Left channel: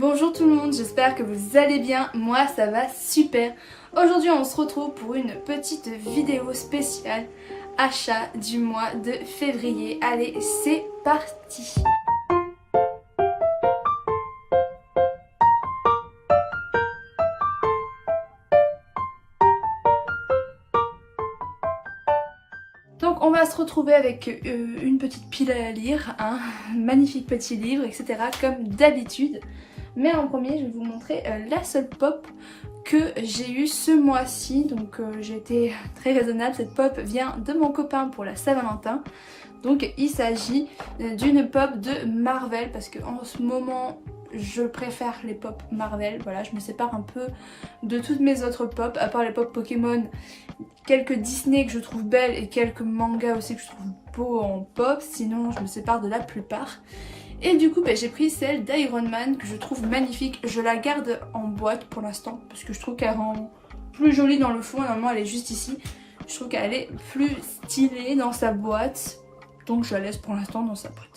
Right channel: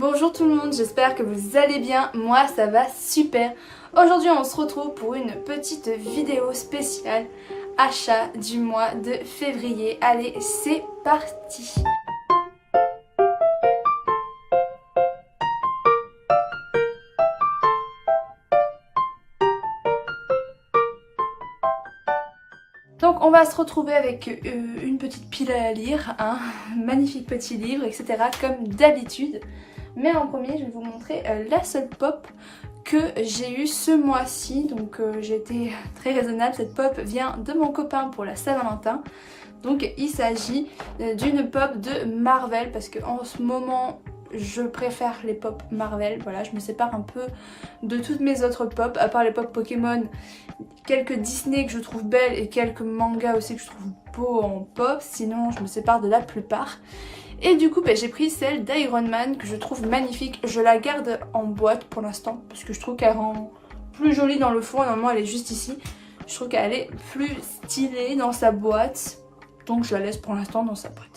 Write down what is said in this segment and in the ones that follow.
Bonjour tout le monde, j'espère que vous allez bien, moi ça va super. Aujourd'hui on se retrouve pour une petite vidéo spéciale achat du mois de février. Allez, c'est parti. Donc on va se retrouver avec une petite pile à lire, un magnifique petit livre, etc. comme d'habitude. Mais en premier je vais vous montrer la seule pop que j'ai eu ce mois-ci. Donc j'ai été très raisonnable, cette pop vient de mon copain pour la Saint-Valentin. Donc il s'agit d'une pop de Marvel parce qu'en ce moment je préfère les pop Marvel. Voilà, je me sépare un peu de toutes mes autres pop, à part les pop Pokémon, quelques Disney que je trouve belles et quelques mangas aussi que je trouve beaux en pop. Sinon je me sépare de la plupart. Et du coup j'ai pris celle d'Iron Man que je trouve magnifique. Je la garde en boîte pour l'instant parce que je trouve qu'elle rend plus jolie dans le fond. Normalement elle est juste ici. Je trouve qu'elle est plus stylée dans sa boîte. Donc je la laisse pour l'instant dans sa boîte.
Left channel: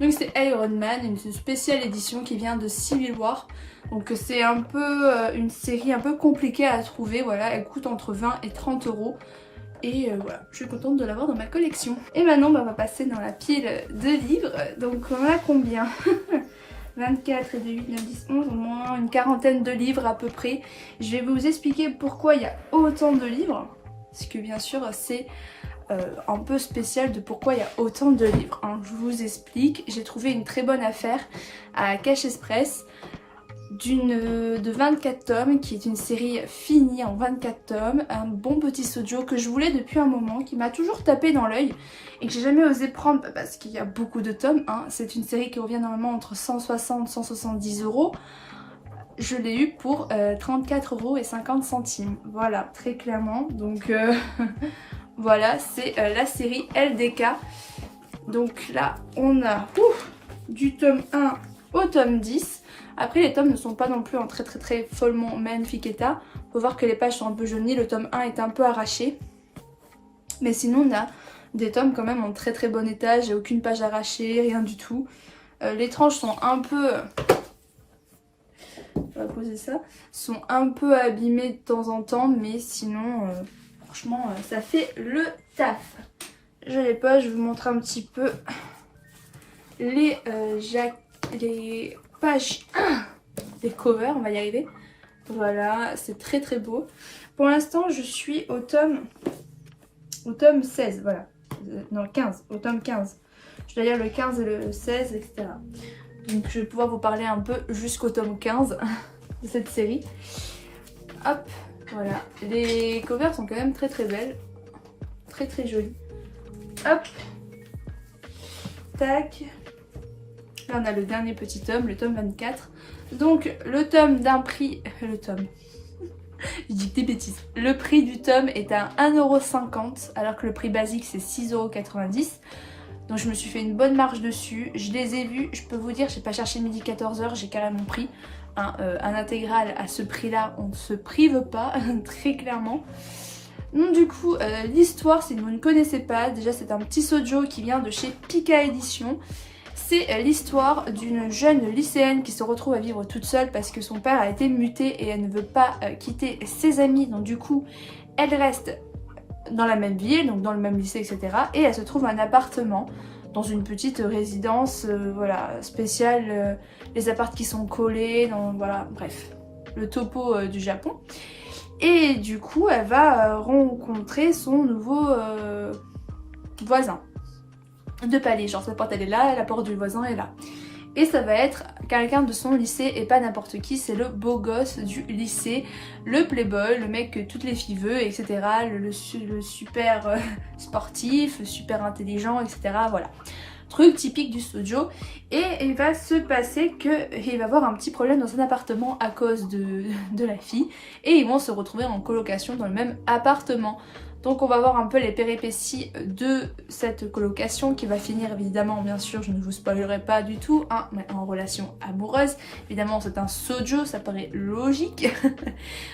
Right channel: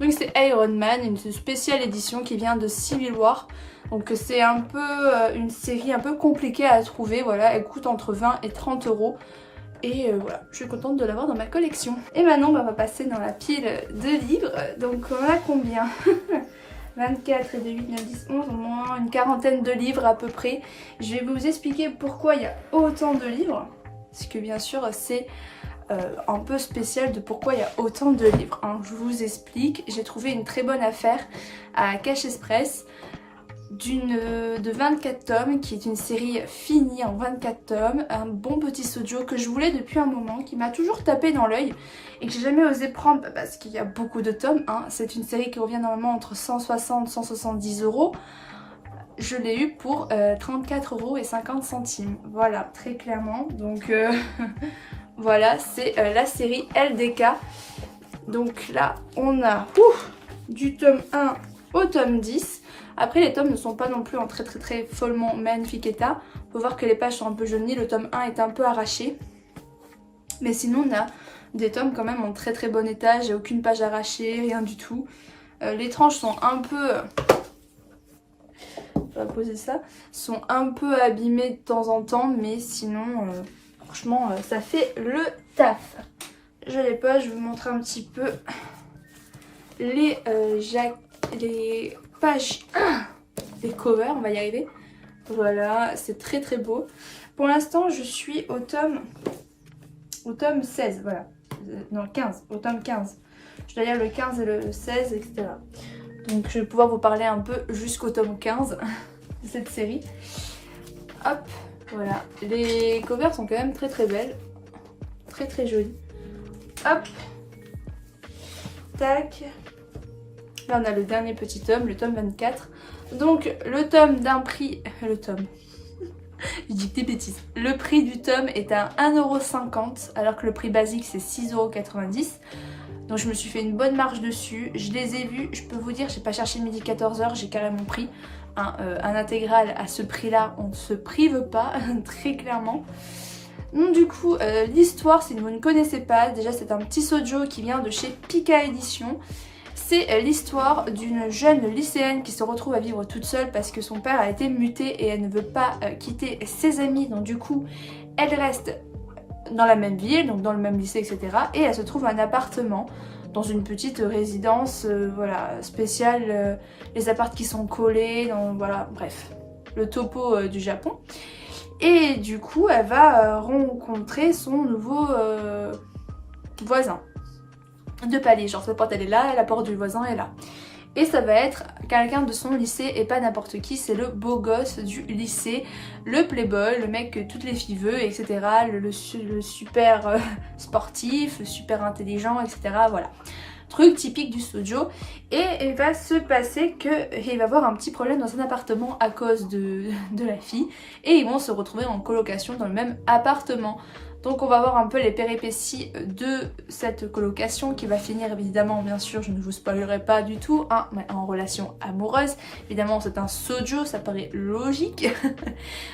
Donc c'est Iron Man, une spéciale édition qui vient de Civil War. Donc c'est un peu une série un peu compliquée à trouver. Voilà, elle coûte entre 20 et 30 euros. Et voilà, je suis contente de l'avoir dans ma collection. Et maintenant, on va passer dans la pile de livres. Donc on a combien 24 et de 8, 9, 10, 11, au moins une quarantaine de livres à peu près. Je vais vous expliquer pourquoi il y a autant de livres. Parce que bien sûr, c'est un peu spécial de pourquoi il y a autant de livres. Hein. Je vous explique, j'ai trouvé une très bonne affaire à Cash Express. De 24 tomes, qui est une série finie en 24 tomes, un bon petit sojo que je voulais depuis un moment, qui m'a toujours tapé dans l'œil et que j'ai jamais osé prendre parce qu'il y a beaucoup de tomes. Hein. C'est une série qui revient normalement entre 160 et 170 euros. Je l'ai eu pour 34,50 €. Voilà, très clairement. Donc voilà, c'est la série LDK. Donc là, on a du tome 1 au tome 10. Après les tomes ne sont pas non plus en très follement magnifique état. On peut voir que les pages sont un peu jaunies, le tome 1 est un peu arraché. Mais sinon on a des tomes quand même en très bon état, j'ai aucune page arrachée, rien du tout. Les tranches sont un peu... On va poser ça. Sont un peu abîmées de temps en temps, mais sinon franchement ça fait le taf. Je les pose, je vous montre un petit peu les pages, les covers, on va y arriver. Voilà, c'est très beau. Pour l'instant, je suis au tome 16, voilà. Non, 15, au tome 15. Je dois lire le 15 et le 16, etc. Donc je vais pouvoir vous parler un peu jusqu'au tome 15 de cette série. Hop, voilà. Les covers sont quand même très belles. Très jolies. Hop. Tac. Là on a le dernier petit tome, le tome 24. Donc le tome d'un prix... Le tome... Je dis des bêtises. Le prix du tome est à 1,50 € alors que le prix basique c'est 6,90 €. Donc je me suis fait une bonne marge dessus. Je les ai vus, je peux vous dire, j'ai pas cherché midi 14h, j'ai carrément pris un intégral à ce prix là. On ne se prive pas, très clairement. Donc du coup, l'histoire, si vous ne connaissez pas, déjà c'est un petit sojo qui vient de chez Pika Édition. C'est l'histoire d'une jeune lycéenne qui se retrouve à vivre toute seule parce que son père a été muté et elle ne veut pas quitter ses amis. Donc du coup, elle reste dans la même ville, donc dans le même lycée, etc. Et elle se trouve un appartement dans une petite résidence voilà, spéciale. Les appartements qui sont collés, voilà, bref, le topo du Japon. Et du coup, elle va rencontrer son nouveau voisin de palier, genre sa porte elle est là, la porte du voisin est là. Et ça va être quelqu'un de son lycée et pas n'importe qui, c'est le beau gosse du lycée, le playboy, le mec que toutes les filles veulent, etc. Le super sportif, super intelligent, etc. Voilà. Truc typique du shoujo. Et il va se passer qu'il va avoir un petit problème dans son appartement à cause de la fille. Et ils vont se retrouver en colocation dans le même appartement. Donc on va voir un peu les péripéties de cette colocation qui va finir évidemment, bien sûr, je ne vous spoilerai pas du tout, hein, mais en relation amoureuse. Évidemment c'est un shoujo, ça paraît logique.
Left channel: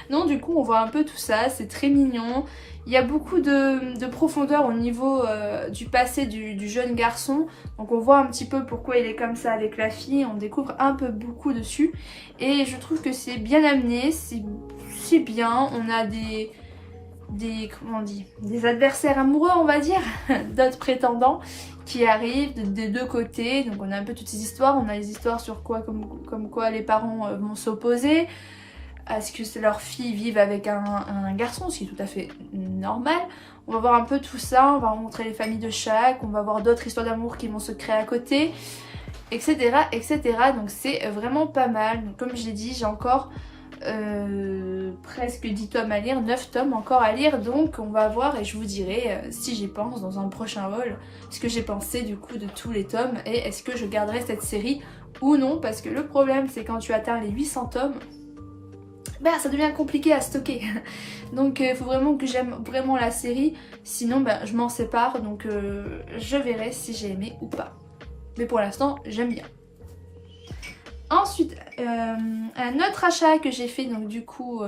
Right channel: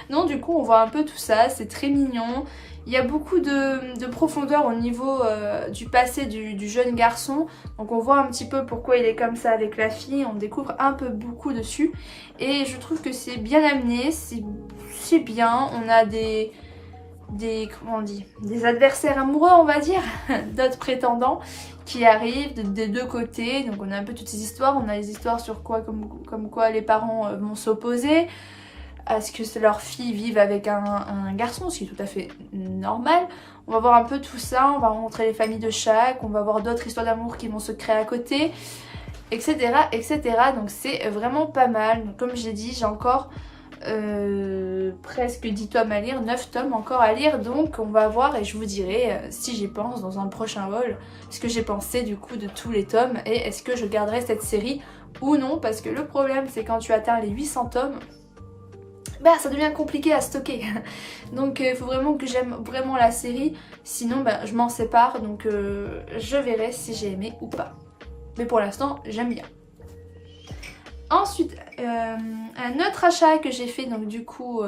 Donc du coup on voit un peu tout ça, c'est très mignon. Il y a beaucoup de profondeur au niveau du passé du jeune garçon. Donc on voit un petit peu pourquoi il est comme ça avec la fille. On découvre un peu beaucoup dessus. Et je trouve que c'est bien amené, c'est bien. On a comment on dit, des adversaires amoureux on va dire, d'autres prétendants qui arrivent des deux côtés. Donc on a un peu toutes ces histoires. On a les histoires sur quoi, comme quoi les parents vont s'opposer à ce que leur fille vive avec un garçon, ce qui est tout à fait normal. On va voir un peu tout ça, on va rencontrer les familles de chaque, on va voir d'autres histoires d'amour qui vont se créer à côté, etc. etc. Donc c'est vraiment pas mal. Donc, comme j'ai dit, j'ai encore presque 10 tomes à lire, 9 tomes encore à lire. Donc on va voir et je vous dirai si j'y pense dans un prochain haul, ce que j'ai pensé du coup de tous les tomes et est-ce que je garderai cette série ou non. Parce que le problème c'est quand tu atteins les 800 tomes, bah ça devient compliqué à stocker. Donc il faut vraiment que j'aime vraiment la série, sinon bah, je m'en sépare. Donc je verrai si j'ai aimé ou pas. Mais pour l'instant j'aime bien. Ensuite un autre achat que j'ai fait donc du coup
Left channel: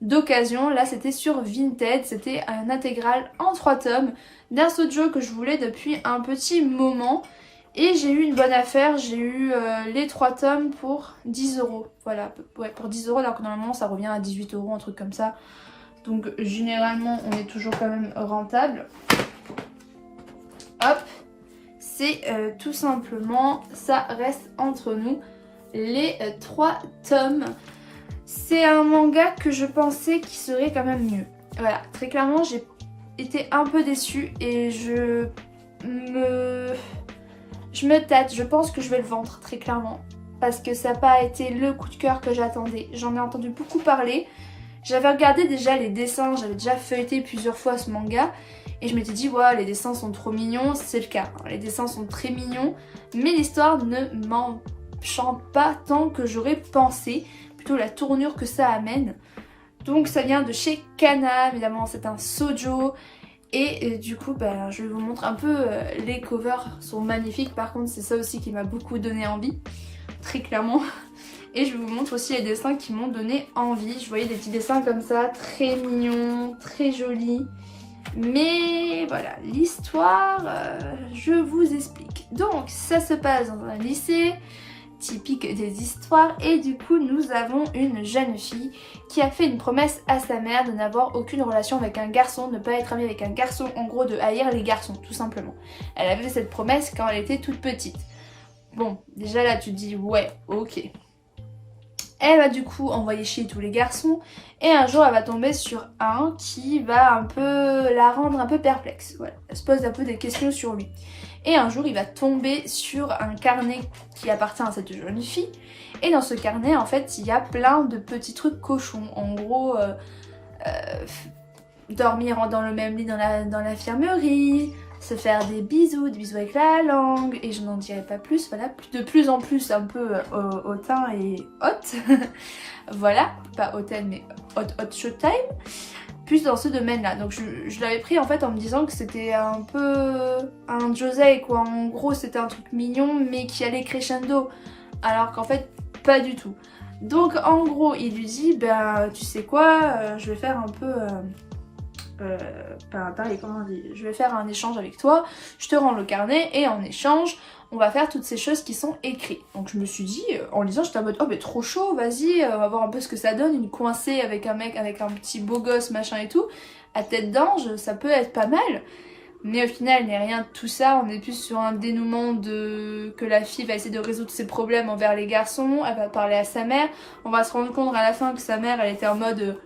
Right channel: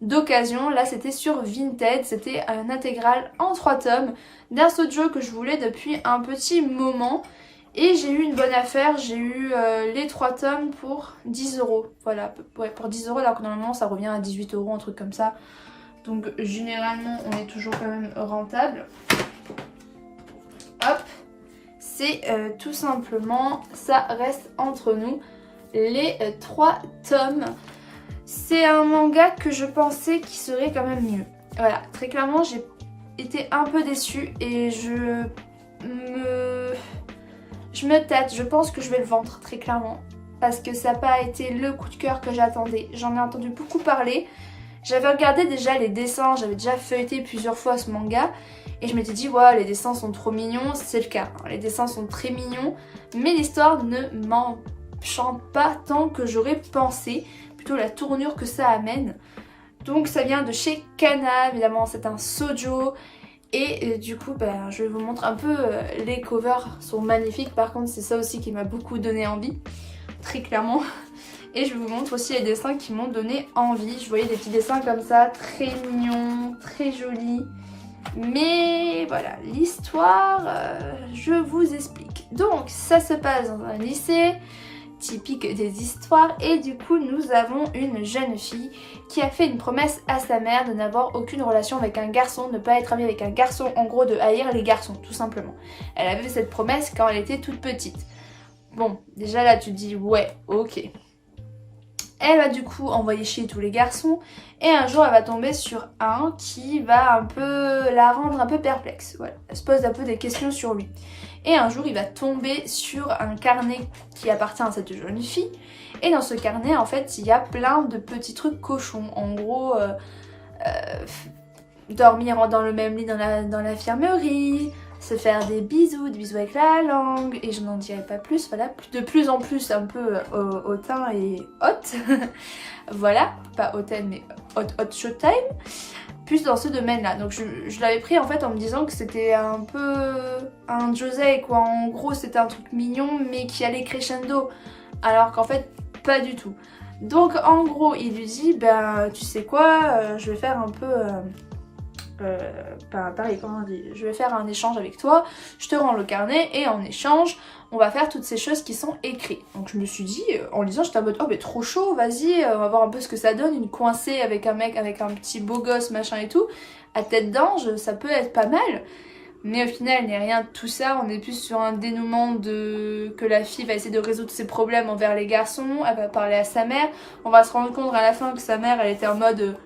d'occasion, là c'était sur Vinted, c'était un intégral en 3 tomes d'un shoujo que je voulais depuis un petit moment. Et j'ai eu une bonne affaire, j'ai eu les 3 tomes pour 10 €. Voilà, ouais, pour 10 €, alors que normalement ça revient à 18 €, un truc comme ça. Donc généralement on est toujours quand même rentable. Hop, c'est tout simplement, ça reste entre nous, les 3 tomes. C'est un manga que je pensais qu'il serait quand même mieux. Voilà, très clairement j'ai été un peu déçue et je me tâte, je pense que je vais le vendre très clairement. Parce que ça n'a pas été le coup de cœur que j'attendais. J'en ai entendu beaucoup parler. J'avais regardé déjà les dessins, j'avais déjà feuilleté plusieurs fois ce manga. Et je m'étais dit, ouais, les dessins sont trop mignons. C'est le cas, hein. Les dessins sont très mignons. Mais l'histoire ne m'enchante pas tant que j'aurais pensé. Plutôt la tournure que ça amène. Donc ça vient de chez Kana, évidemment c'est un shoujo. Et du coup bah, je vous montre un peu, les covers sont magnifiques, par contre c'est ça aussi qui m'a beaucoup donné envie, très clairement. Et je vous montre aussi les dessins qui m'ont donné envie. Je voyais des petits dessins comme ça, très mignons, très jolis. Mais voilà, l'histoire, je vous explique. Donc ça se passe dans un lycée, typique des histoires, et du coup nous avons une jeune fille qui a fait une promesse à sa mère de n'avoir aucune relation avec un garçon, ne pas être amie avec un garçon, en gros de haïr les garçons tout simplement. Elle avait fait cette promesse quand elle était toute petite. Bon, déjà là tu te dis ouais, ok. Elle va du coup envoyer chier tous les garçons et un jour elle va tomber sur un qui va un peu la rendre un peu perplexe. Voilà. Elle se pose un peu des questions sur lui. Et un jour il va tomber sur un carnet qui appartient à cette jeune fille. Et dans ce carnet en fait il y a plein de petits trucs cochons. En gros dormir dans le même lit dans l'infirmerie, se faire des bisous avec la langue, et je n'en dirai pas plus. Voilà, de plus en plus un peu hautain et haute. Voilà, pas hautaine mais hot showtime. Plus dans ce domaine-là. Donc je l'avais pris en fait en me disant que c'était un peu un josei quoi. En gros c'était un truc mignon mais qui allait crescendo. Alors qu'en fait pas du tout. Donc en gros il lui dit ben tu sais quoi, je vais faire un peu... pareil, comment on dit, je vais faire un échange avec toi, je te rends le carnet et en échange on va faire toutes ces choses qui sont écrites. Donc je me suis dit, en lisant j'étais en mode oh mais trop chaud, vas-y, on va voir un peu ce que ça donne, une coincée avec un mec avec un petit beau gosse machin et tout, à tête d'ange, ça peut être pas mal. Mais au final il n'y a rien de tout ça, on est plus sur un dénouement de que la fille va essayer de résoudre ses problèmes envers les garçons, elle va parler à sa mère, on va se rendre compte à la fin que sa mère elle était en mode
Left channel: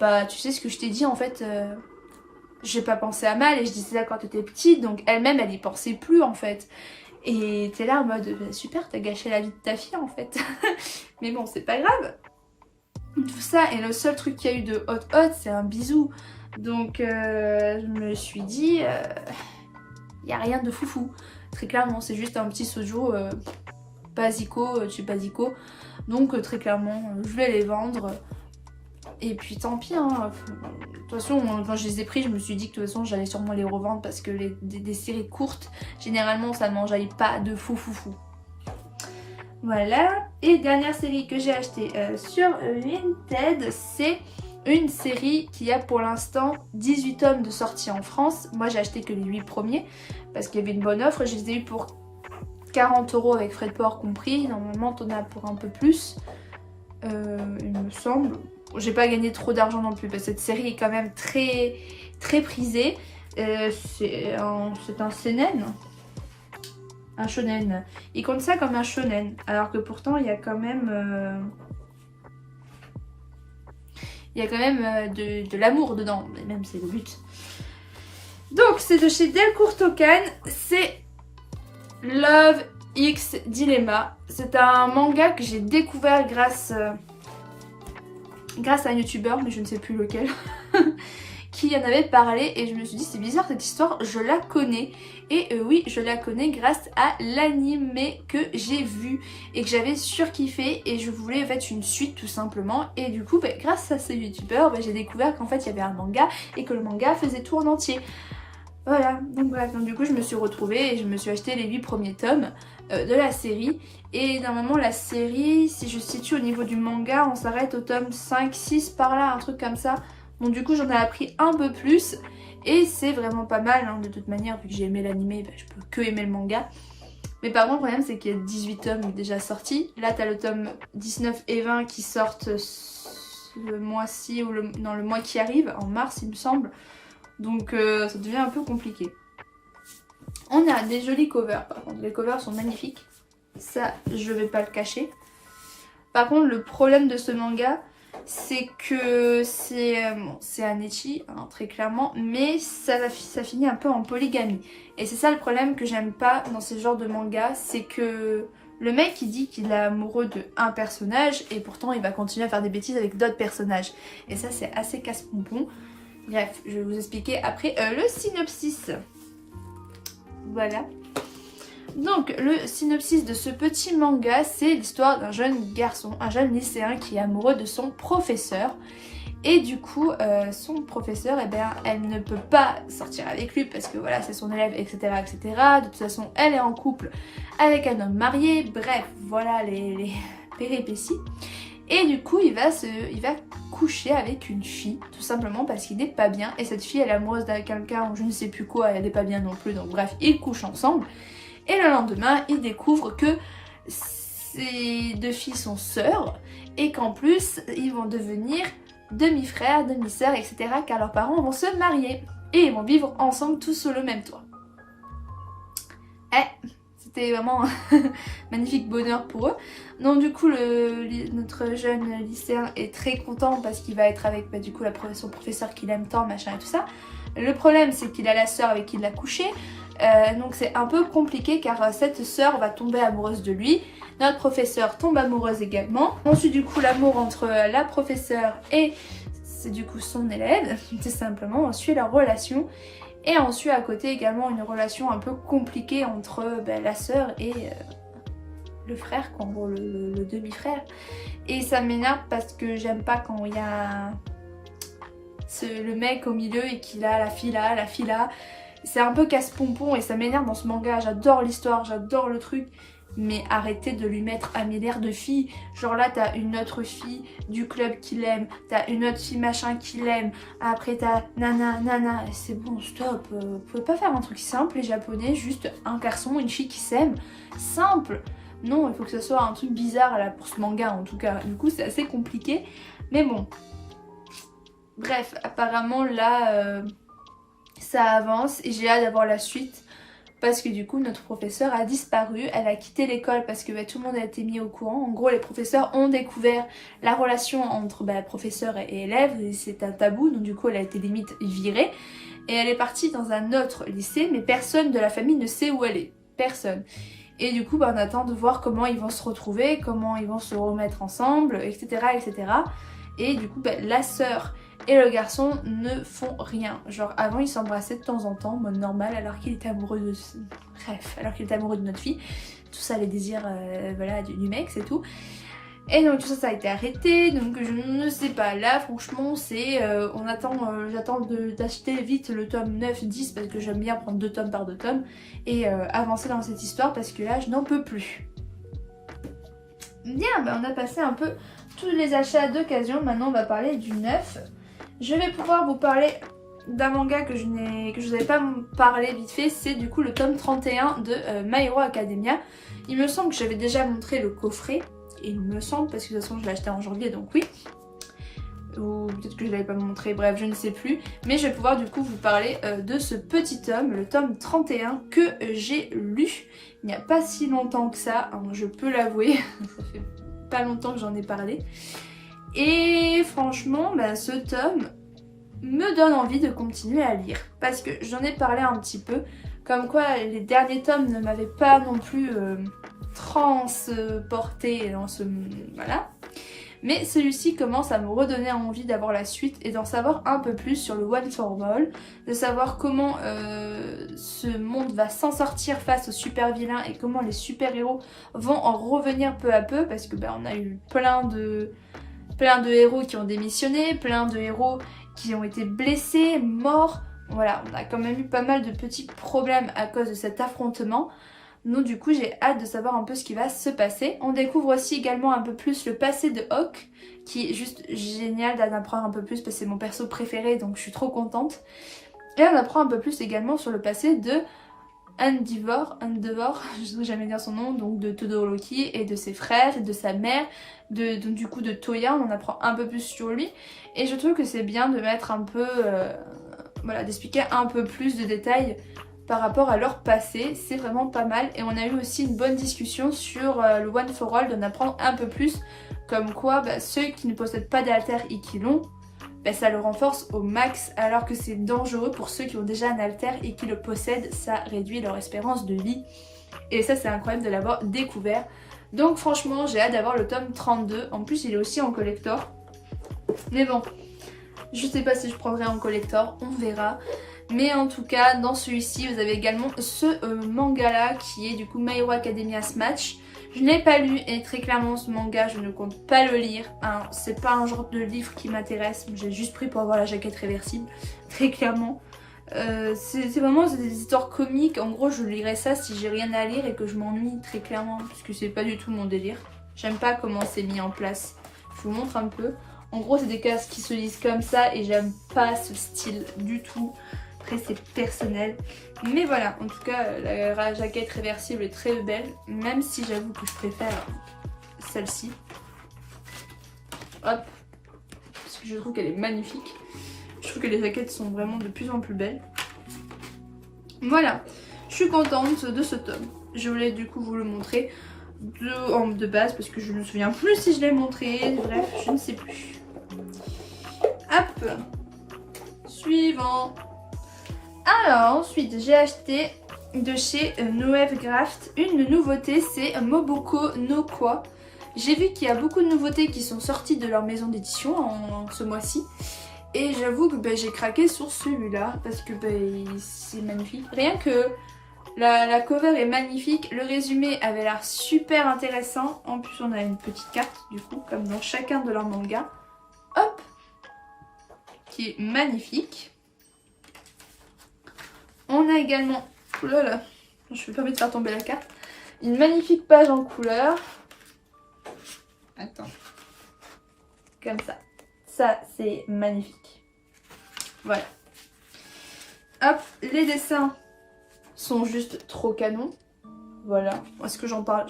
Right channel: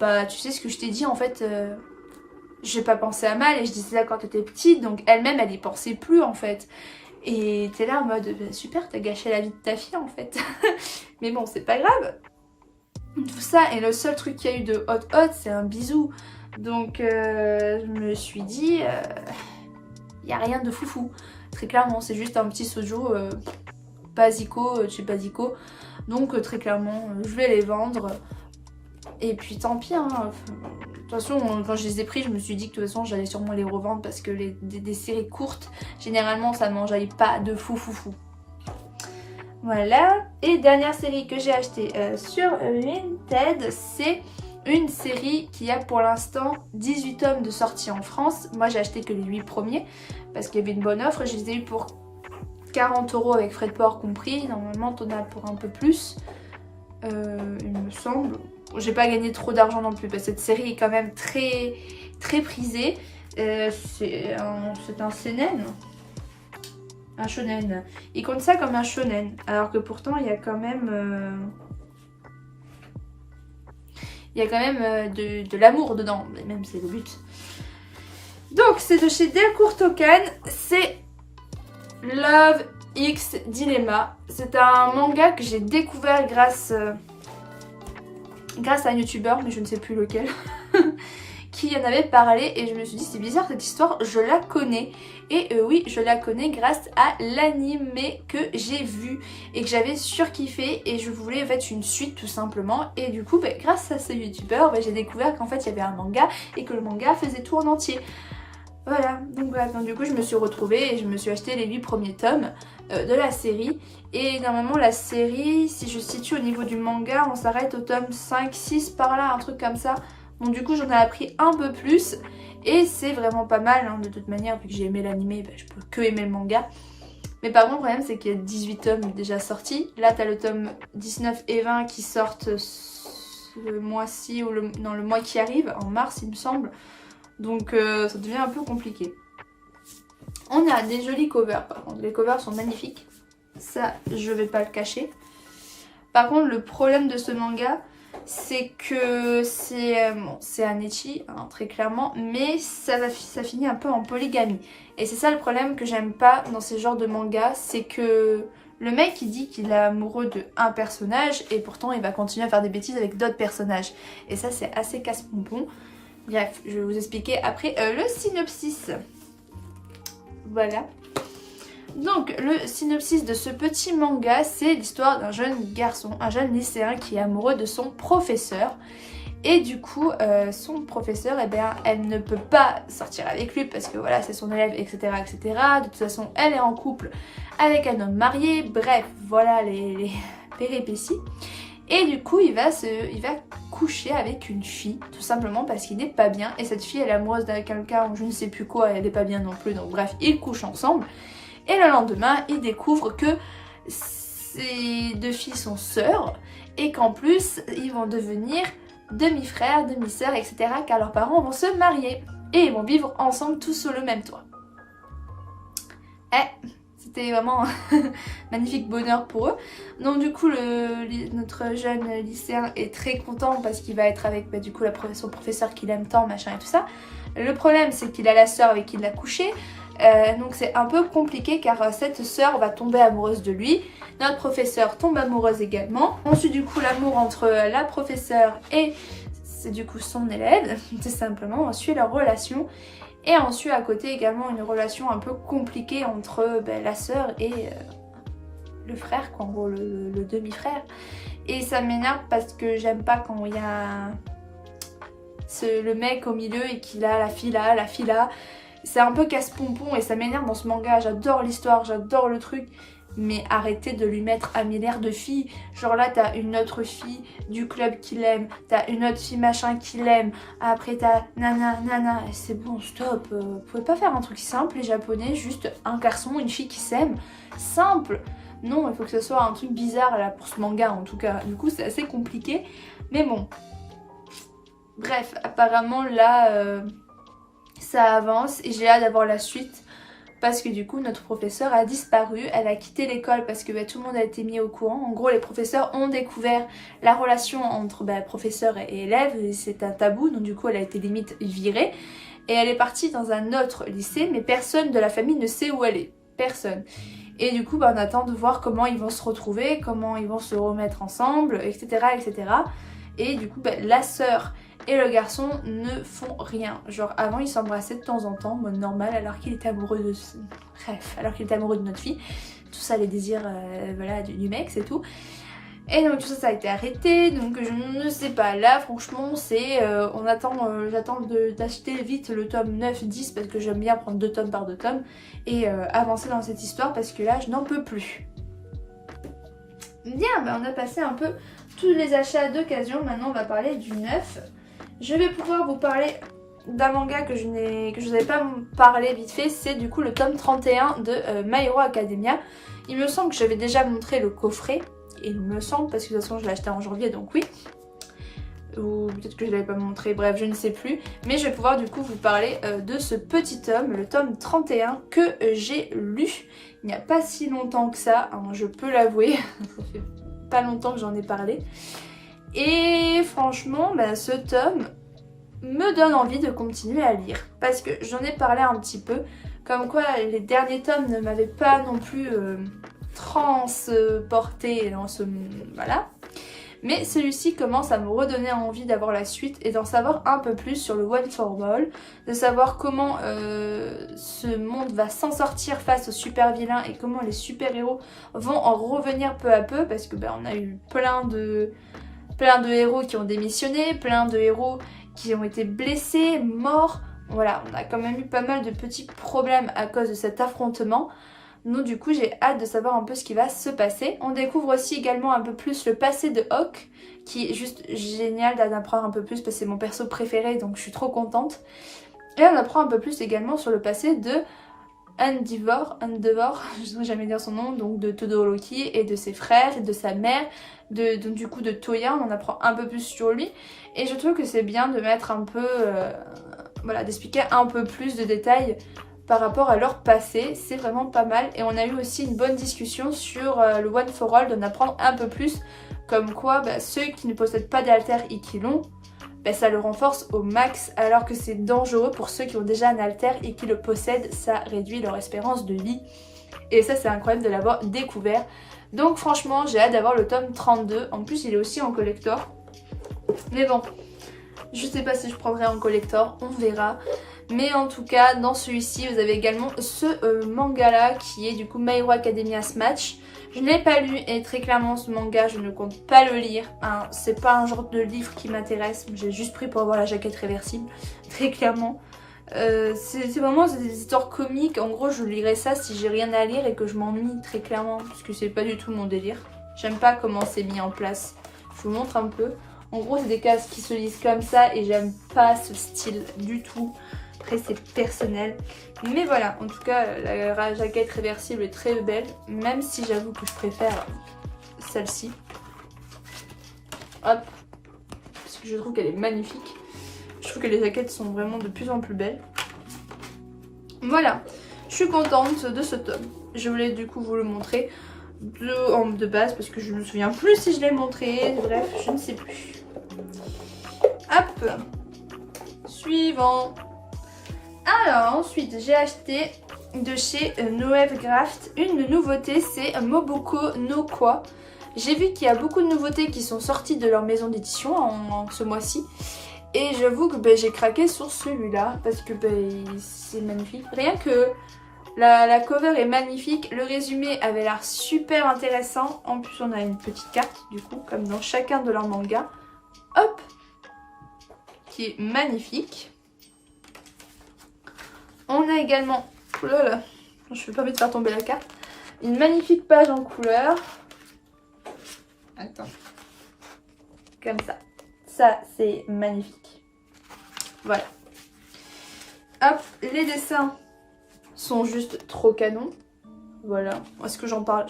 bah tu sais ce que je t'ai dit en fait, j'ai pas pensé à mal et je disais ça quand t'étais petite, donc elle-même elle y pensait plus en fait. Et t'es là en mode bah, super, t'as gâché la vie de ta fille en fait. Mais bon c'est pas grave. Tout ça, et le seul truc qu'il y a eu de hot c'est un bisou. Donc je me suis dit y a rien de foufou. Très clairement c'est juste un petit sojo basico, chez basico. Donc très clairement je vais les vendre. Et puis tant pis, hein. De toute toute façon, quand je les ai pris, je me suis dit que de toute façon, j'allais sûrement les revendre parce que des séries courtes, généralement, ça ne m'enjaille pas de fou. Voilà. Et dernière série que j'ai achetée sur Vinted, c'est une série qui a pour l'instant 18 tomes de sortie en France. Moi, j'ai acheté que les 8 premiers parce qu'il y avait une bonne offre. Je les ai eu pour 40 € avec frais de port compris. Normalement, t'en as pour un peu plus, il me semble. J'ai pas gagné trop d'argent non plus parce que cette série est quand même très prisée. C'est un seinen. Un shonen. Il compte ça comme un shonen. Alors que pourtant, il y a quand même... de l'amour dedans. Mais même, c'est le but. Donc, c'est de chez Delcourt Tokan. C'est Love X Dilemma. C'est un manga que j'ai découvert grâce à un youtubeur, mais je ne sais plus lequel, qui en avait parlé et je me suis dit c'est bizarre cette histoire, je la connais. Et oui, je la connais grâce à l'animé que j'ai vu et que j'avais surkiffé et je voulais en fait une suite tout simplement. Et du coup, grâce à ce youtubeur, j'ai découvert qu'en fait il y avait un manga et que le manga faisait tout en entier. Voilà, donc bref, donc du coup je me suis retrouvée et je me suis acheté les 8 premiers tomes de la série. Et normalement la série, si je situe au niveau du manga, on s'arrête au tome 5-6 par là, un truc comme ça. Donc du coup j'en ai appris un peu plus et c'est vraiment pas mal hein, de toute manière, vu que j'ai aimé l'animé, je peux que aimer le manga. Mais par contre le problème c'est qu'il y a 18 tomes déjà sortis. Là t'as le tome 19 et 20 qui sortent ce mois-ci ou dans le mois qui arrive, en mars il me semble. Donc ça devient un peu compliqué. On a des jolis covers par contre, les covers sont magnifiques. Ça je vais pas le cacher. Par contre le problème de ce manga c'est que c'est un ecchi hein, très clairement, mais ça finit un peu en polygamie. Et c'est ça le problème que j'aime pas dans ce genre de manga, c'est que le mec il dit qu'il est amoureux de un personnage et pourtant il va continuer à faire des bêtises avec d'autres personnages. Et ça c'est assez casse-pompon. Bref, je vais vous expliquer après le synopsis. Voilà. Donc, le synopsis de ce petit manga, c'est l'histoire d'un jeune garçon, un jeune lycéen qui est amoureux de son professeur. Et du coup, son professeur, eh bien, elle ne peut pas sortir avec lui parce que voilà, c'est son élève, etc., etc. De toute façon, elle est en couple avec un homme marié. Bref, voilà les péripéties. Et du coup, il va coucher avec une fille, tout simplement parce qu'il n'est pas bien. Et cette fille, elle est amoureuse de quelqu'un ou je ne sais plus quoi, elle n'est pas bien non plus. Donc bref, ils couchent ensemble. Et le lendemain, il découvre que ces deux filles sont sœurs. Et qu'en plus, ils vont devenir demi-frères, demi-sœurs, etc. Car leurs parents vont se marier. Et ils vont vivre ensemble tous sous le même toit. C'était vraiment magnifique bonheur pour eux. Donc du coup notre jeune lycéen est très content parce qu'il va être avec du coup son professeur qu'il aime tant, machin et tout ça. Le problème c'est qu'il a la sœur avec qui il a couché. Donc c'est un peu compliqué car cette sœur va tomber amoureuse de lui. Notre professeur tombe amoureuse également. On suit du coup l'amour entre la professeure et c'est du coup son élève. Tout simplement, on suit leur relation. Et on suit à côté également une relation un peu compliquée entre la sœur et le frère, quoi, en gros le demi-frère. Et ça m'énerve parce que j'aime pas quand il y a le mec au milieu et qu'il a la fille là. C'est un peu casse-pompon et ça m'énerve dans ce manga. J'adore l'histoire, j'adore le truc. Mais arrêtez de lui mettre un milliard de filles. Genre là t'as une autre fille du club qui l'aime, t'as une autre fille machin qui l'aime, après t'as nana. C'est bon, stop, vous pouvez pas faire un truc simple les japonais, juste un garçon, une fille qui s'aiment. Simple. Non, il faut que ce soit un truc bizarre là pour ce manga en tout cas. Du coup c'est assez compliqué. Mais bon. Bref, apparemment là ça avance et j'ai hâte d'avoir la suite. Parce que du coup notre professeure a disparu, elle a quitté l'école parce que tout le monde a été mis au courant. En gros les professeurs ont découvert la relation entre professeur et élève, et c'est un tabou, donc du coup elle a été limite virée. Et elle est partie dans un autre lycée, mais personne de la famille ne sait où elle est, personne. Et du coup on attend de voir comment ils vont se retrouver, comment ils vont se remettre ensemble, etc. etc. Et du coup la sœur et le garçon ne font rien. Genre avant ils s'embrassaient de temps en temps, mode normal, alors qu'il était amoureux de... Bref, alors qu'il était amoureux de notre fille. Tout ça les désirs voilà, du mec, c'est tout. Et donc tout ça, ça a été arrêté, donc je ne sais pas, là franchement c'est, j'attends d'acheter vite le tome 9-10 parce que j'aime bien prendre 2 tomes par 2 tomes et avancer dans cette histoire parce que là je n'en peux plus. Bien, bah on a passé un peu tous les achats d'occasion, maintenant on va parler du neuf. Je vais pouvoir vous parler d'un manga que je vous avais pas parlé vite fait, c'est du coup le tome 31 de My Hero Academia. Il me semble que j'avais déjà montré le coffret. Il me semble, parce que de toute façon je l'ai acheté en janvier, donc oui. Ou peut-être que je ne l'avais pas montré, bref, je ne sais plus. Mais je vais pouvoir du coup vous parler de ce petit tome, le tome 31, que j'ai lu il n'y a pas si longtemps que ça, hein, je peux l'avouer. Ça fait pas longtemps que j'en ai parlé. Et franchement, bah, ce tome me donne envie de continuer à lire. Parce que j'en ai parlé un petit peu, comme quoi les derniers tomes ne m'avaient pas non plus... transporté dans ce... voilà. Mais celui-ci commence à me redonner envie d'avoir la suite et d'en savoir un peu plus sur le One for All, de savoir comment ce monde va s'en sortir face aux super vilains et comment les super héros vont en revenir peu à peu, parce que on a eu plein de héros qui ont démissionné, plein de héros qui ont été blessés, morts. Voilà, on a quand même eu pas mal de petits problèmes à cause de cet affrontement. Donc du coup j'ai hâte de savoir un peu ce qui va se passer. On découvre aussi également un peu plus le passé de Hawk, qui est juste génial d'en apprendre un peu plus parce que c'est mon perso préféré, donc je suis trop contente. Et on apprend un peu plus également sur le passé de Endeavor, je ne saurais jamais dire son nom, donc de Todoroki et de ses frères et de sa mère, du coup de Toya. On en apprend un peu plus sur lui et je trouve que c'est bien de mettre un peu, voilà, d'expliquer un peu plus de détails par rapport à leur passé, c'est vraiment pas mal. Et on a eu aussi une bonne discussion sur le One for All, d'en apprendre un peu plus, comme quoi ceux qui ne possèdent pas d'alter et qui l'ont, ça le renforce au max, alors que c'est dangereux pour ceux qui ont déjà un alter et qui le possèdent, ça réduit leur espérance de vie. Et ça c'est incroyable de l'avoir découvert. Donc franchement j'ai hâte d'avoir le tome 32, en plus il est aussi en collector. Mais bon, je sais pas si je prendrai en collector, on verra. Mais en tout cas, dans celui-ci, vous avez également ce manga-là qui est du coup My Hero Academia Smash. Je ne l'ai pas lu et très clairement ce manga, je ne compte pas le lire. Hein. C'est pas un genre de livre qui m'intéresse, j'ai juste pris pour avoir la jaquette réversible, très clairement. C'est vraiment des histoires comiques, en gros je lirais ça si j'ai rien à lire et que je m'ennuie très clairement, parce que c'est pas du tout mon délire. J'aime pas comment c'est mis en place. Je vous montre un peu. En gros c'est des cases qui se lisent comme ça et j'aime pas ce style du tout. Après c'est personnel, mais voilà, en tout cas la jaquette réversible est très belle, même si j'avoue que je préfère celle-ci. Hop, parce que je trouve qu'elle est magnifique. Je trouve que les jaquettes sont vraiment de plus en plus belles. Voilà, je suis contente de ce tome. Je voulais du coup vous le montrer de base parce que je ne me souviens plus si je l'ai montré, bref, je ne sais plus. Hop, suivant. Alors ensuite j'ai acheté de chez Noëv Graft une nouveauté, c'est Moboko no Kwa. J'ai vu qu'il y a beaucoup de nouveautés qui sont sorties de leur maison d'édition en ce mois-ci. Et j'avoue que j'ai craqué sur celui-là parce que c'est magnifique. Rien que la cover est magnifique, le résumé avait l'air super intéressant. En plus on a une petite carte du coup comme dans chacun de leurs mangas. Hop, qui est magnifique. On a également, oh là là, je fais pas envie de faire tomber la carte, une magnifique page en couleur. Attends, comme ça. Ça c'est magnifique. Voilà. Hop, les dessins sont juste trop canons. Voilà, est-ce que j'en parle?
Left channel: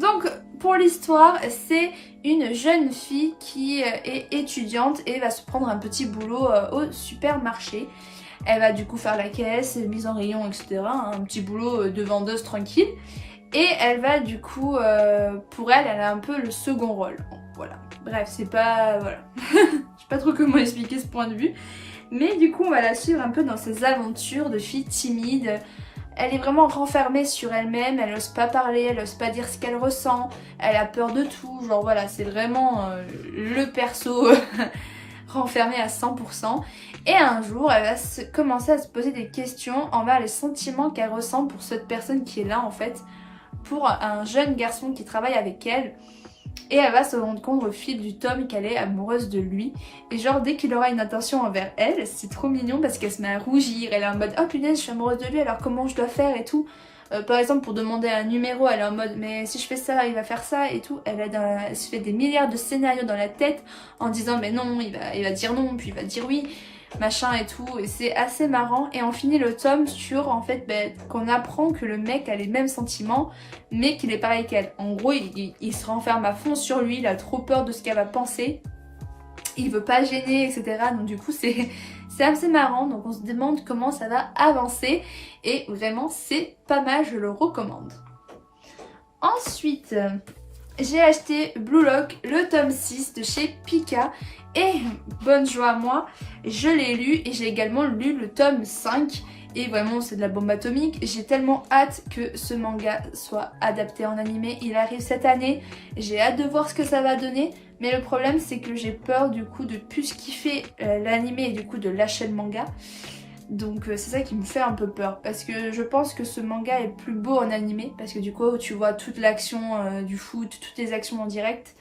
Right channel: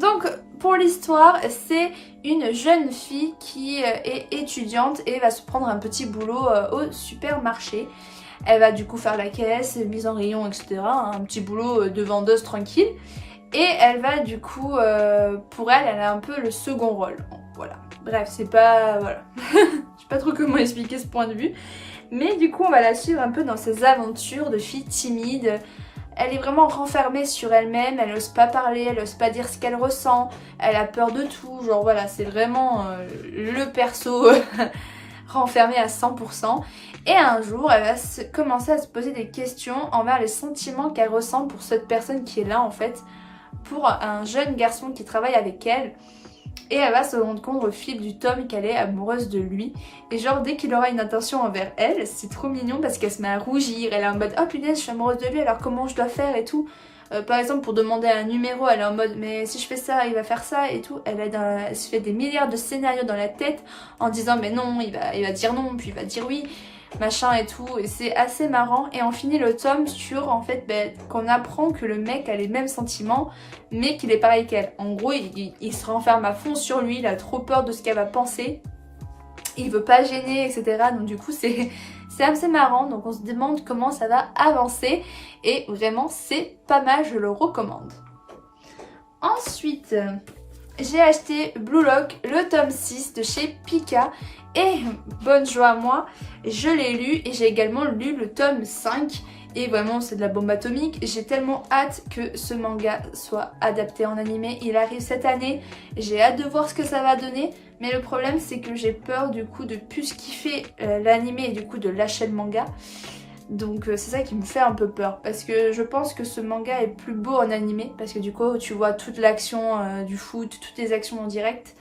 Donc pour l'histoire, c'est une jeune fille qui est étudiante et va se prendre un petit boulot au supermarché. Elle va du coup faire la caisse, mise en rayon, etc. Un petit boulot de vendeuse tranquille. Et elle va du coup, pour elle, elle a un peu le second rôle. Bon, voilà. Bref, c'est pas... Voilà. Je sais pas trop comment expliquer ce point de vue. Mais du coup, on va la suivre un peu dans ses aventures de fille timide. Elle est vraiment renfermée sur elle-même. Elle n'ose pas parler, elle n'ose pas dire ce qu'elle ressent. Elle a peur de tout. Genre voilà, c'est vraiment le perso renfermé à 100%. Et un jour, elle va commencer à se poser des questions envers les sentiments qu'elle ressent pour cette personne qui est là en fait. Pour un jeune garçon qui travaille avec elle. Et elle va se rendre compte au fil du tome qu'elle est amoureuse de lui. Et genre dès qu'il aura une intention envers elle, c'est trop mignon parce qu'elle se met à rougir. Elle est en mode oh punaise je suis amoureuse de lui alors comment je dois faire et tout. Par exemple pour demander un numéro elle est en mode mais si je fais ça il va faire ça et tout. Elle se fait des milliards de scénarios dans la tête en disant mais non il va dire non puis il va dire oui machin et tout, et c'est assez marrant. Et on finit le tome sur en fait qu'on apprend que le mec a les mêmes sentiments mais qu'il est pareil qu'elle. En gros il se renferme à fond sur lui, il a trop peur de ce qu'elle va penser, il veut pas gêner etc. Donc du coup c'est assez marrant, donc on se demande comment ça va avancer et vraiment c'est pas mal, je le recommande. Ensuite j'ai acheté Blue Lock, le tome 6 de chez Pika. Et bonne joie à moi, je l'ai lu et j'ai également lu le tome 5 et vraiment c'est de la bombe atomique. J'ai tellement hâte que ce manga soit adapté en animé, il arrive cette année, j'ai hâte de voir ce que ça va donner. Mais le problème c'est que j'ai peur du coup de plus kiffer l'animé et du coup de lâcher le manga. Donc c'est ça qui me fait un peu peur parce que je pense que ce manga est plus beau en animé parce que du coup tu vois toute l'action du foot, toutes les actions en direct.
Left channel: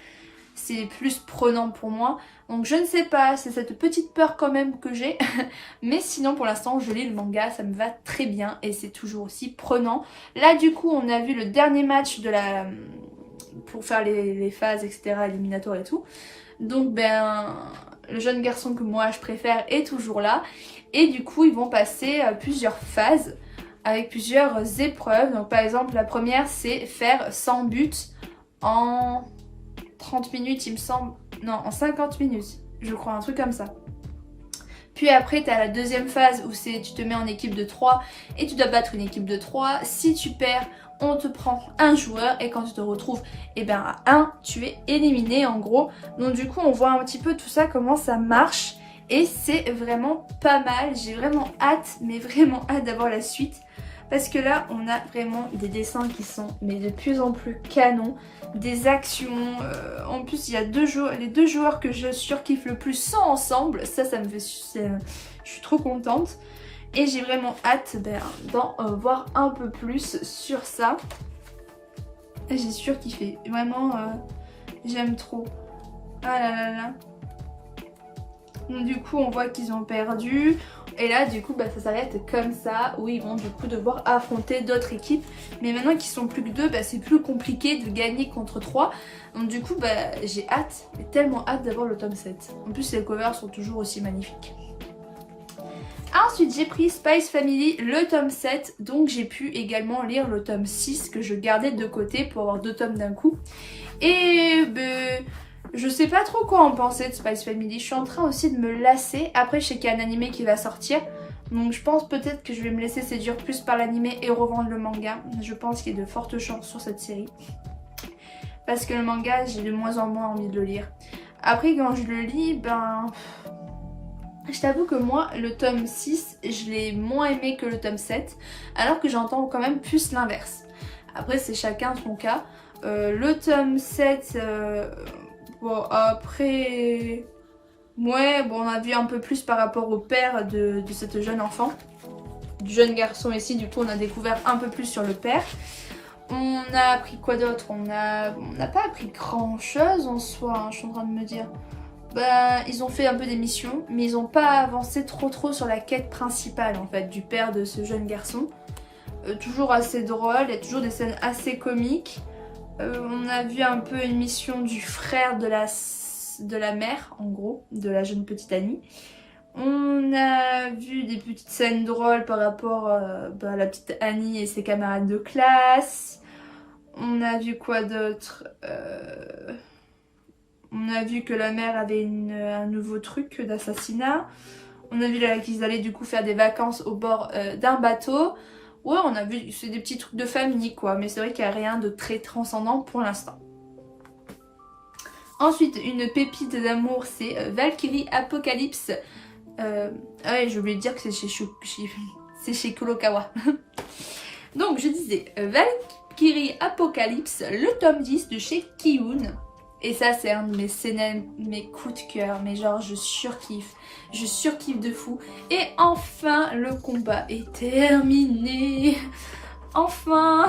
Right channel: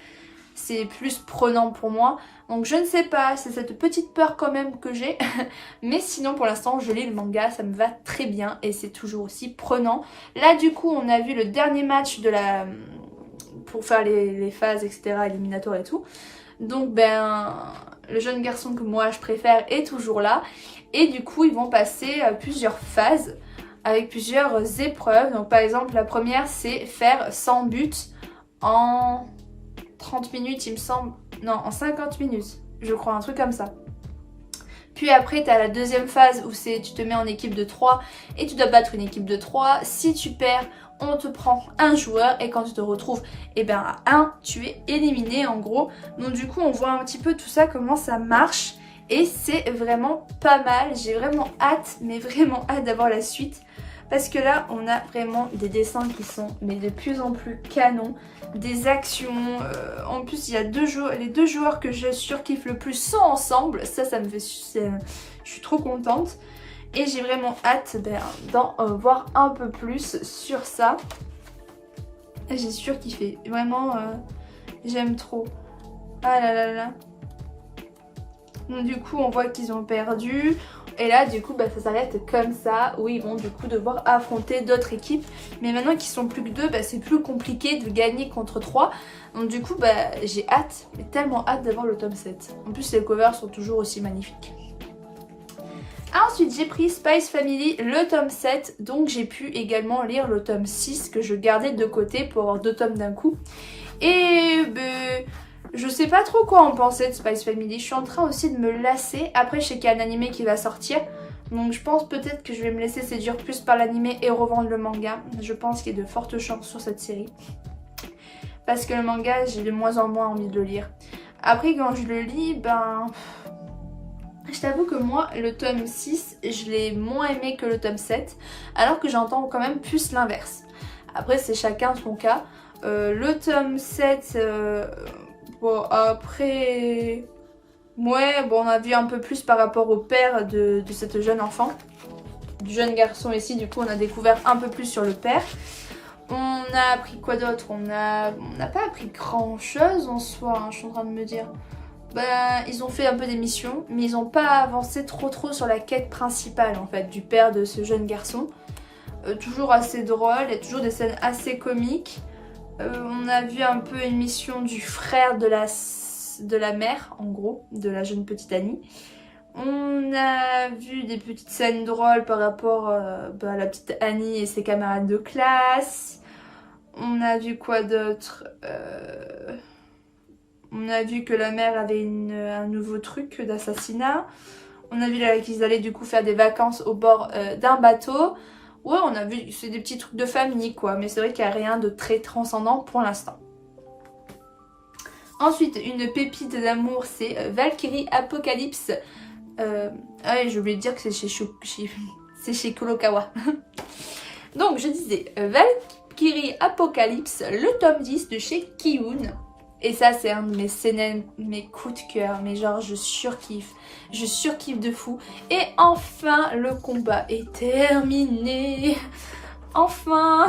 C'est plus prenant pour moi. Donc je ne sais pas, c'est cette petite peur quand même que j'ai. Mais sinon pour l'instant je lis le manga, ça me va très bien et c'est toujours aussi prenant. Là du coup on a vu le dernier match de la... pour faire les phases etc, éliminatoires et tout. Donc le jeune garçon que moi je préfère est toujours là. Et du coup ils vont passer plusieurs phases avec plusieurs épreuves. Donc par exemple la première c'est faire 100 buts en 30 minutes il me semble, non en 50 minutes je crois, un truc comme ça. Puis après tu as la deuxième phase où c'est tu te mets en équipe de 3 et tu dois battre une équipe de 3. Si tu perds on te prend un joueur et quand tu te retrouves à 1 tu es éliminé en gros. Donc du coup on voit un petit peu tout ça comment ça marche et c'est vraiment pas mal. J'ai vraiment hâte, mais vraiment hâte d'avoir la suite. Parce que là, on a vraiment des dessins qui sont mais de plus en plus canons. Des actions. En plus, il y a les deux joueurs que je surkiffe le plus sont ensemble. Ça me fait... Je suis trop contente. Et j'ai vraiment hâte d'en voir un peu plus sur ça. J'ai surkiffé. Vraiment, j'aime trop. Ah là là là. Donc du coup, on voit qu'ils ont perdu. Et là du coup ça s'arrête comme ça où ils vont du coup devoir affronter d'autres équipes. Mais maintenant qu'ils sont plus que 2, c'est plus compliqué de gagner contre 3. Donc du coup j'ai hâte, tellement hâte d'avoir le tome 7. En plus les covers sont toujours aussi magnifiques. Ensuite j'ai pris Spice Family, le tome 7. Donc j'ai pu également lire le tome 6 que je gardais de côté pour avoir 2 tomes d'un coup. Et je sais pas trop quoi en penser de Spice Family. Je suis en train aussi de me lasser. Après je sais qu'il y a un animé qui va sortir. Donc je pense peut-être que je vais me laisser séduire plus par l'animé et revendre le manga. Je pense qu'il y a de fortes chances sur cette série. Parce que le manga j'ai de moins en moins envie de le lire. Après quand je le lis je t'avoue que moi le tome 6 je l'ai moins aimé que le tome 7. Alors que j'entends quand même plus l'inverse. Après c'est chacun son cas. Le tome 7... bon après... Ouais, bon on a vu un peu plus par rapport au père de cette jeune enfant. Du jeune garçon ici, du coup on a découvert un peu plus sur le père. On a appris quoi d'autre? On n'a pas appris grand chose en soi, hein, je suis en train de me dire. Ils ont fait un peu des missions, mais ils n'ont pas avancé trop sur la quête principale en fait du père de ce jeune garçon. Toujours assez drôle, il y a toujours des scènes assez comiques. On a vu un peu une mission du frère de la mère, en gros, de la jeune petite Annie. On a vu des petites scènes drôles par rapport à la petite Annie et ses camarades de classe. On a vu quoi d'autre? On a vu que la mère avait un nouveau truc d'assassinat. On a vu qu'ils allaient du coup faire des vacances au bord d'un bateau. Ouais, on a vu, c'est des petits trucs de famille quoi, mais c'est vrai qu'il n'y a rien de très transcendant pour l'instant. Ensuite, une pépite d'amour, c'est Valkyrie Apocalypse. Ah oui, j'ai oublié de dire que c'est chez Kurokawa. Donc, je disais Valkyrie Apocalypse, le tome 10 de chez Kiun. Et ça, c'est un de mes coups de cœur, mais genre, je surkiffe. Je surkiffe de fou. Et enfin, le combat est terminé. Enfin,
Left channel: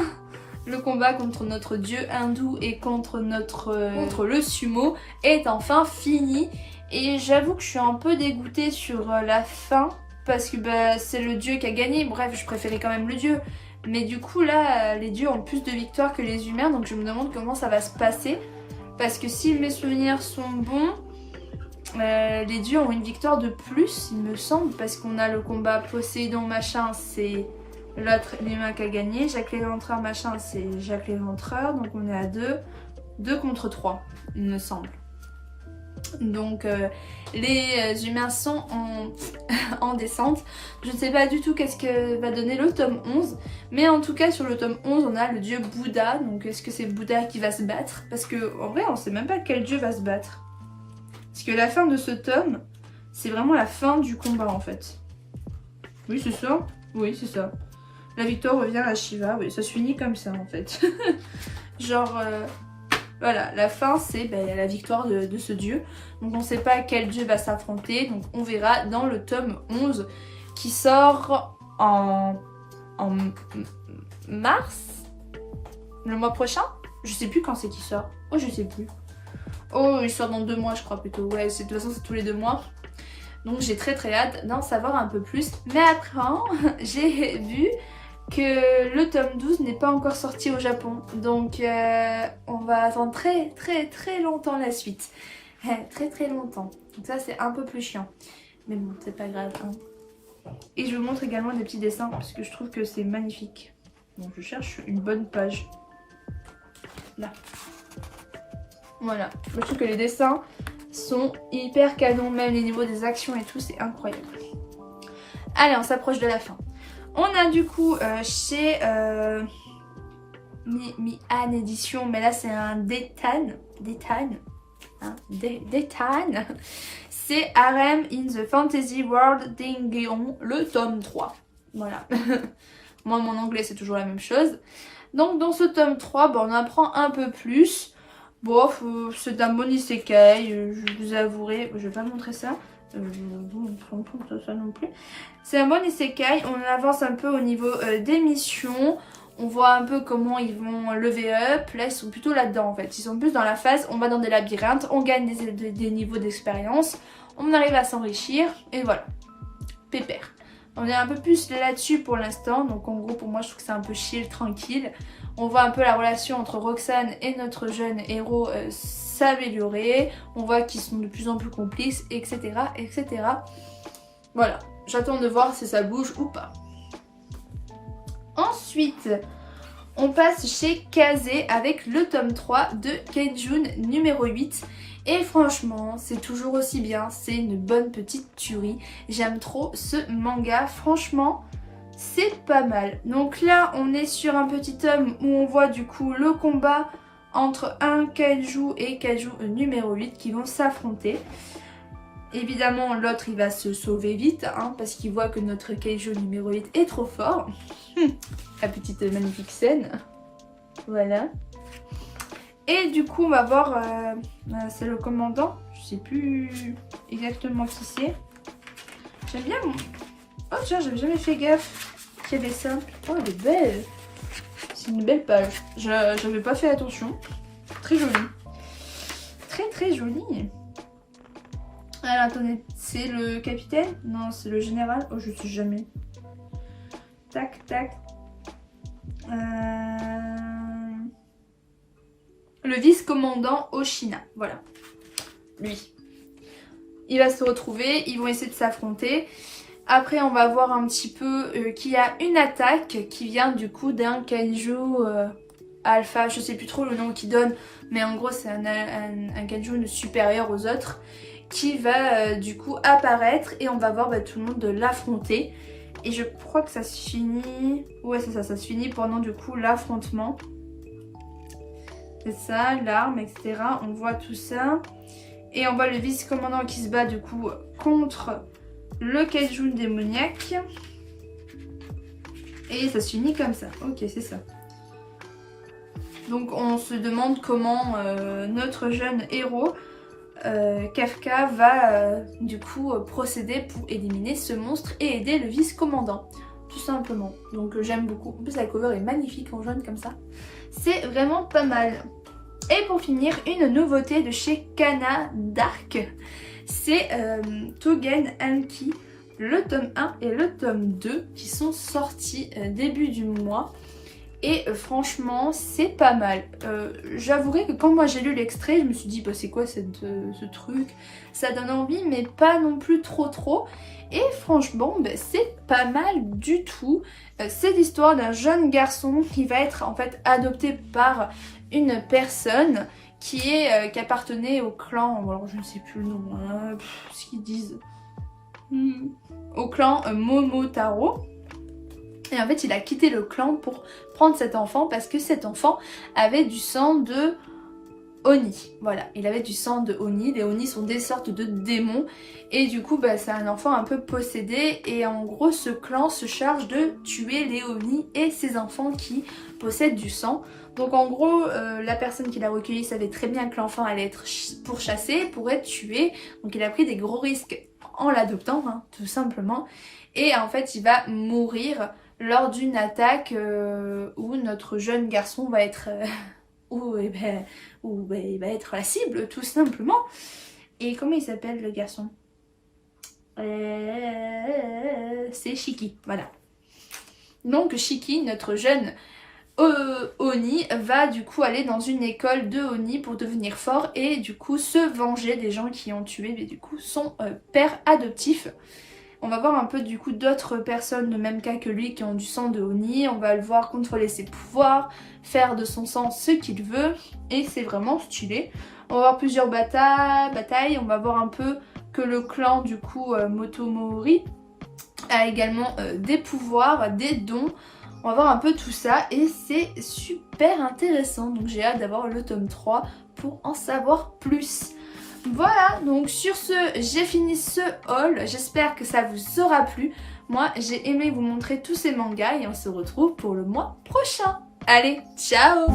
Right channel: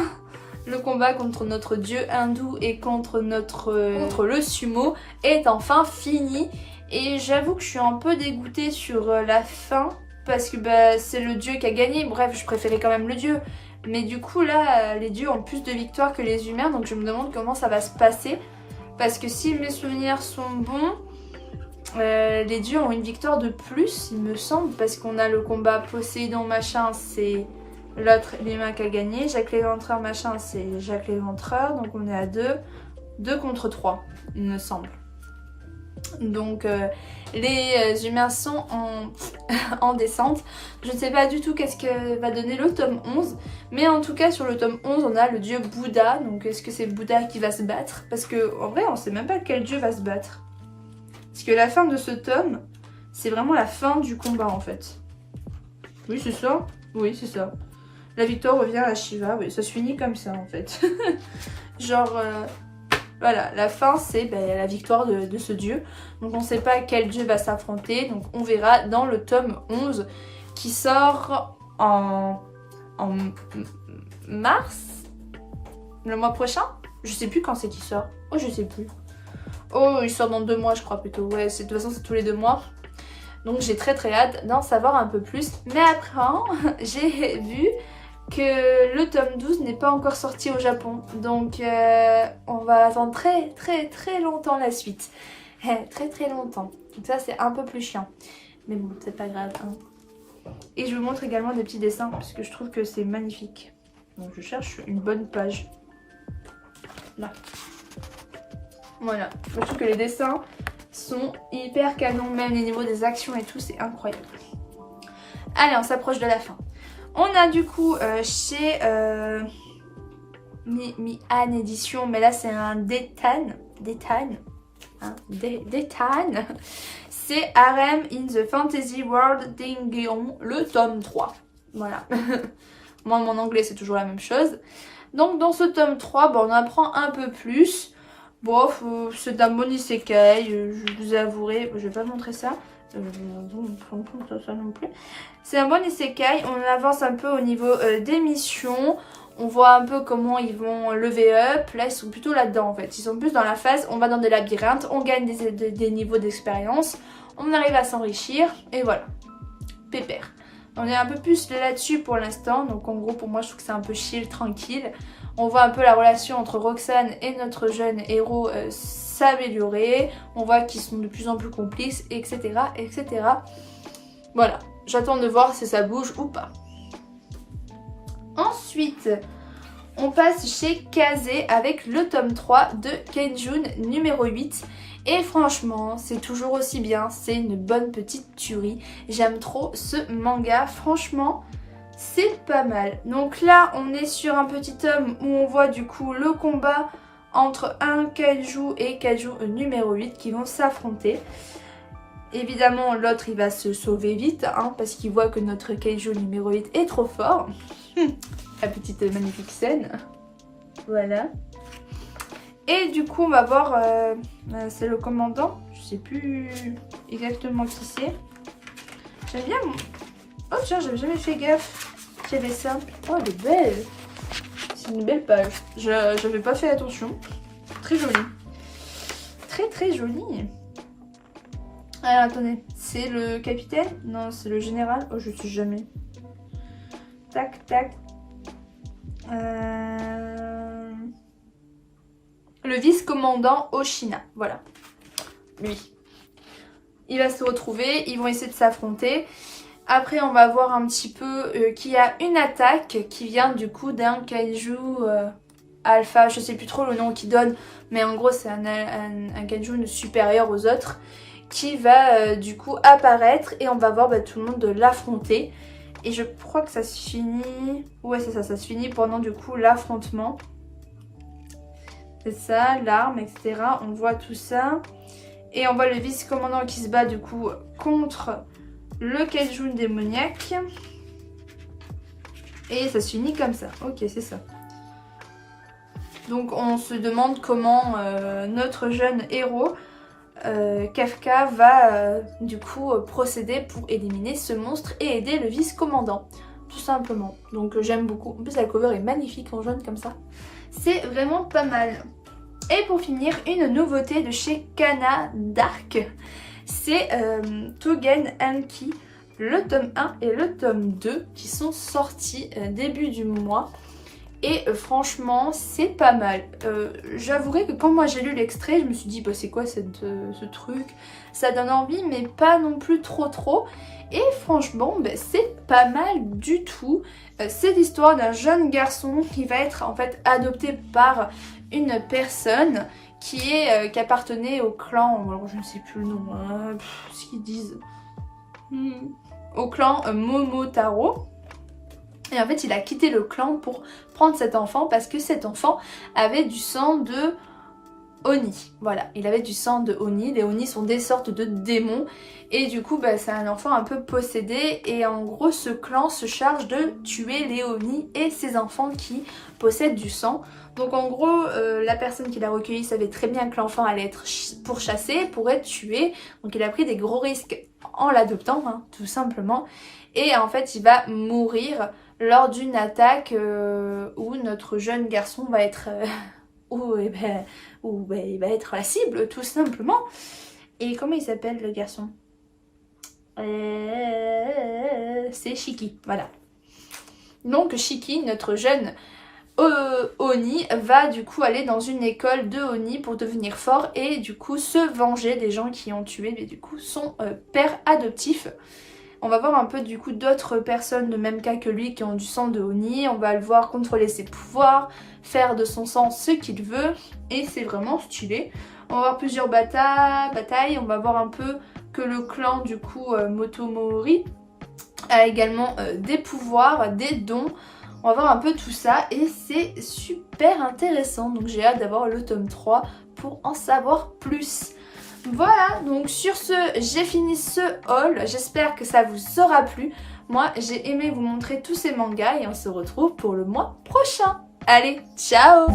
Le combat contre notre dieu hindou et contre le sumo est enfin fini. Et j'avoue que je suis un peu dégoûtée sur la fin parce que bah, c'est le dieu qui a gagné. Bref, je préférais quand même le dieu. Mais du coup là, les dieux ont plus de victoires que les humains, donc je me demande comment ça va se passer. Parce que si mes souvenirs sont bons, les dieux ont une victoire de plus, il me semble, parce qu'on a le combat Poséidon machin, c'est l'autre l'humain qui a gagné. Jacques l'éventreur machin, c'est Jacques l'éventreur, donc on est à 2. 2 contre 3, il me semble. Donc les humains sont en descente. Je ne sais pas du tout qu'est-ce que va donner le tome 11. Mais en tout cas sur le tome 11 on a le dieu Bouddha. Donc est-ce que c'est Bouddha qui va se battre? Parce que en vrai on sait même pas quel dieu va se battre. Parce que la fin de ce tome c'est vraiment la fin du combat en fait. Oui c'est ça. Oui c'est ça. La victoire revient à Shiva. Oui ça se finit comme ça en fait. Genre... Voilà, la fin c'est la victoire de ce dieu. Donc on ne sait pas quel dieu va s'affronter. Donc on verra dans le tome 11 qui sort en mars, le mois prochain. Je sais plus quand c'est qu'il sort. Oh je sais plus. Oh il sort dans 2 mois je crois plutôt. Ouais de toute façon c'est tous les 2 mois. Donc j'ai très hâte d'en savoir un peu plus. Mais après j'ai vu que le tome 12 n'est pas encore sorti au Japon. Donc on va attendre très longtemps la suite. Très longtemps. Donc ça c'est un peu plus chiant. Mais bon, c'est pas grave. Hein. Et je vous montre également des petits dessins parce que je trouve que c'est magnifique. Donc je cherche une bonne page. Là. Voilà. Moi, je trouve que les dessins sont hyper canons. Même les niveaux des actions et tout, c'est incroyable. Allez, on s'approche de la fin. On a du coup chez Mi-An édition, mais là c'est un Détan, hein, Détan. C'est Harem in the Fantasy World d'Ingeon, le tome 3. Voilà. Moi mon anglais c'est toujours la même chose. Donc dans ce tome 3, on apprend un peu plus. Bon, c'est d'un bon isekai, je vous avouerai, je vais pas montrer ça. Ça non plus. C'est un bon isekai, on avance un peu au niveau des missions, on voit un peu comment ils vont lever up, là ils sont plutôt là-dedans en fait, ils sont plus dans la phase, on va dans des labyrinthes, on gagne des niveaux d'expérience, on arrive à s'enrichir et voilà, pépère. On est un peu plus là-dessus pour l'instant, donc en gros pour moi je trouve que c'est un peu chill, tranquille. On voit un peu la relation entre Roxane et notre jeune héros s'améliorer, on voit qu'ils sont de plus en plus complices, etc. etc. Voilà. J'attends de voir si ça bouge ou pas. Ensuite, on passe chez Kazé avec le tome 3 de Kenjun numéro 8. Et franchement, c'est toujours aussi bien. C'est une bonne petite tuerie. J'aime trop ce manga. Franchement, c'est pas mal. Donc là, on est sur un petit tome où on voit du coup le combat entre un Kaiju et Kaiju numéro 8 qui vont s'affronter. Évidemment, l'autre, il va se sauver vite, hein, parce qu'il voit que notre Kaiju numéro 8 est trop fort. La petite magnifique scène. Voilà. Et du coup, on va voir, c'est le commandant. Je sais plus exactement qui c'est. J'aime bien. Oh tiens, j'avais jamais fait gaffe qu'il y avait ça. Oh, elle est belle. C'est une belle page. J'avais pas fait attention. Très jolie. Très jolie. Alors attendez, c'est le capitaine? Non, c'est le général. Oh, je sais jamais. Tac. Le vice-commandant Oshina, voilà. Lui. Il va se retrouver, ils vont essayer de s'affronter. Après, on va voir un petit peu qu'il y a une attaque qui vient du coup d'un kaiju alpha. Je sais plus trop le nom qu'il donne, mais en gros, c'est un kaiju supérieur aux autres qui va du coup apparaître et on va voir tout le monde l'affronter. Et je crois que ça se finit... Ouais, c'est ça, ça se finit pendant du coup l'affrontement. C'est ça, l'arme, etc. On voit tout ça. Et on voit le vice-commandant qui se bat du coup contre le kaiju démoniaque. Et ça se finit comme ça. Ok, c'est ça. Donc on se demande comment notre jeune héros, Kafka, va du coup procéder pour éliminer ce monstre et aider le vice-commandant. Tout simplement. Donc j'aime beaucoup. En plus la cover est magnifique en jaune comme ça. C'est vraiment pas mal. Et pour finir, une nouveauté de chez Kana Dark, c'est Tougen Anki, le tome 1 et le tome 2 qui sont sortis début du mois. Et franchement, c'est pas mal. J'avouerai que quand moi j'ai lu l'extrait, je me suis dit, bah, c'est quoi ce truc? Ça donne envie, mais pas non plus trop. Et franchement, bah, c'est pas mal du tout. C'est l'histoire d'un jeune garçon qui va être en fait adopté par une personne qui appartenait au clan, alors je ne sais plus le nom, hein, ce qu'ils disent, au clan Momotaro. Et en fait, il a quitté le clan pour prendre cet enfant parce que cet enfant avait du sang de Oni. Voilà, il avait du sang de Oni. Les Oni sont des sortes de démons. Et du coup, bah, c'est un enfant un peu possédé. Et en gros, ce clan se charge de tuer les Oni et ces enfants qui possèdent du sang. Donc en gros, la personne qui l'a recueilli savait très bien que l'enfant allait être pourchassé, pourrait être tué. Donc il a pris des gros risques en l'adoptant, hein, tout simplement. Et en fait, il va mourir lors d'une attaque où notre jeune garçon va être... où il va être la cible, tout simplement. Et comment il s'appelle le garçon? C'est Shiki, voilà. Donc Shiki, notre jeune Oni, va du coup aller dans une école de Oni pour devenir fort et du coup se venger des gens qui ont tué, mais du coup son père adoptif. On va voir un peu du coup d'autres personnes de même cas que lui qui ont du sang de Oni. On va le voir contrôler ses pouvoirs, faire de son sang ce qu'il veut. Et c'est vraiment stylé. On va voir plusieurs batailles. On va voir un peu que le clan du coup Motomori a également des pouvoirs, des dons. On va voir un peu tout ça et c'est super intéressant. Donc j'ai hâte d'avoir le tome 3 pour en savoir plus. Voilà, donc sur ce, j'ai fini ce haul. J'espère que ça vous aura plu. Moi, j'ai aimé vous montrer tous ces mangas et on se retrouve pour le mois prochain. Allez, ciao!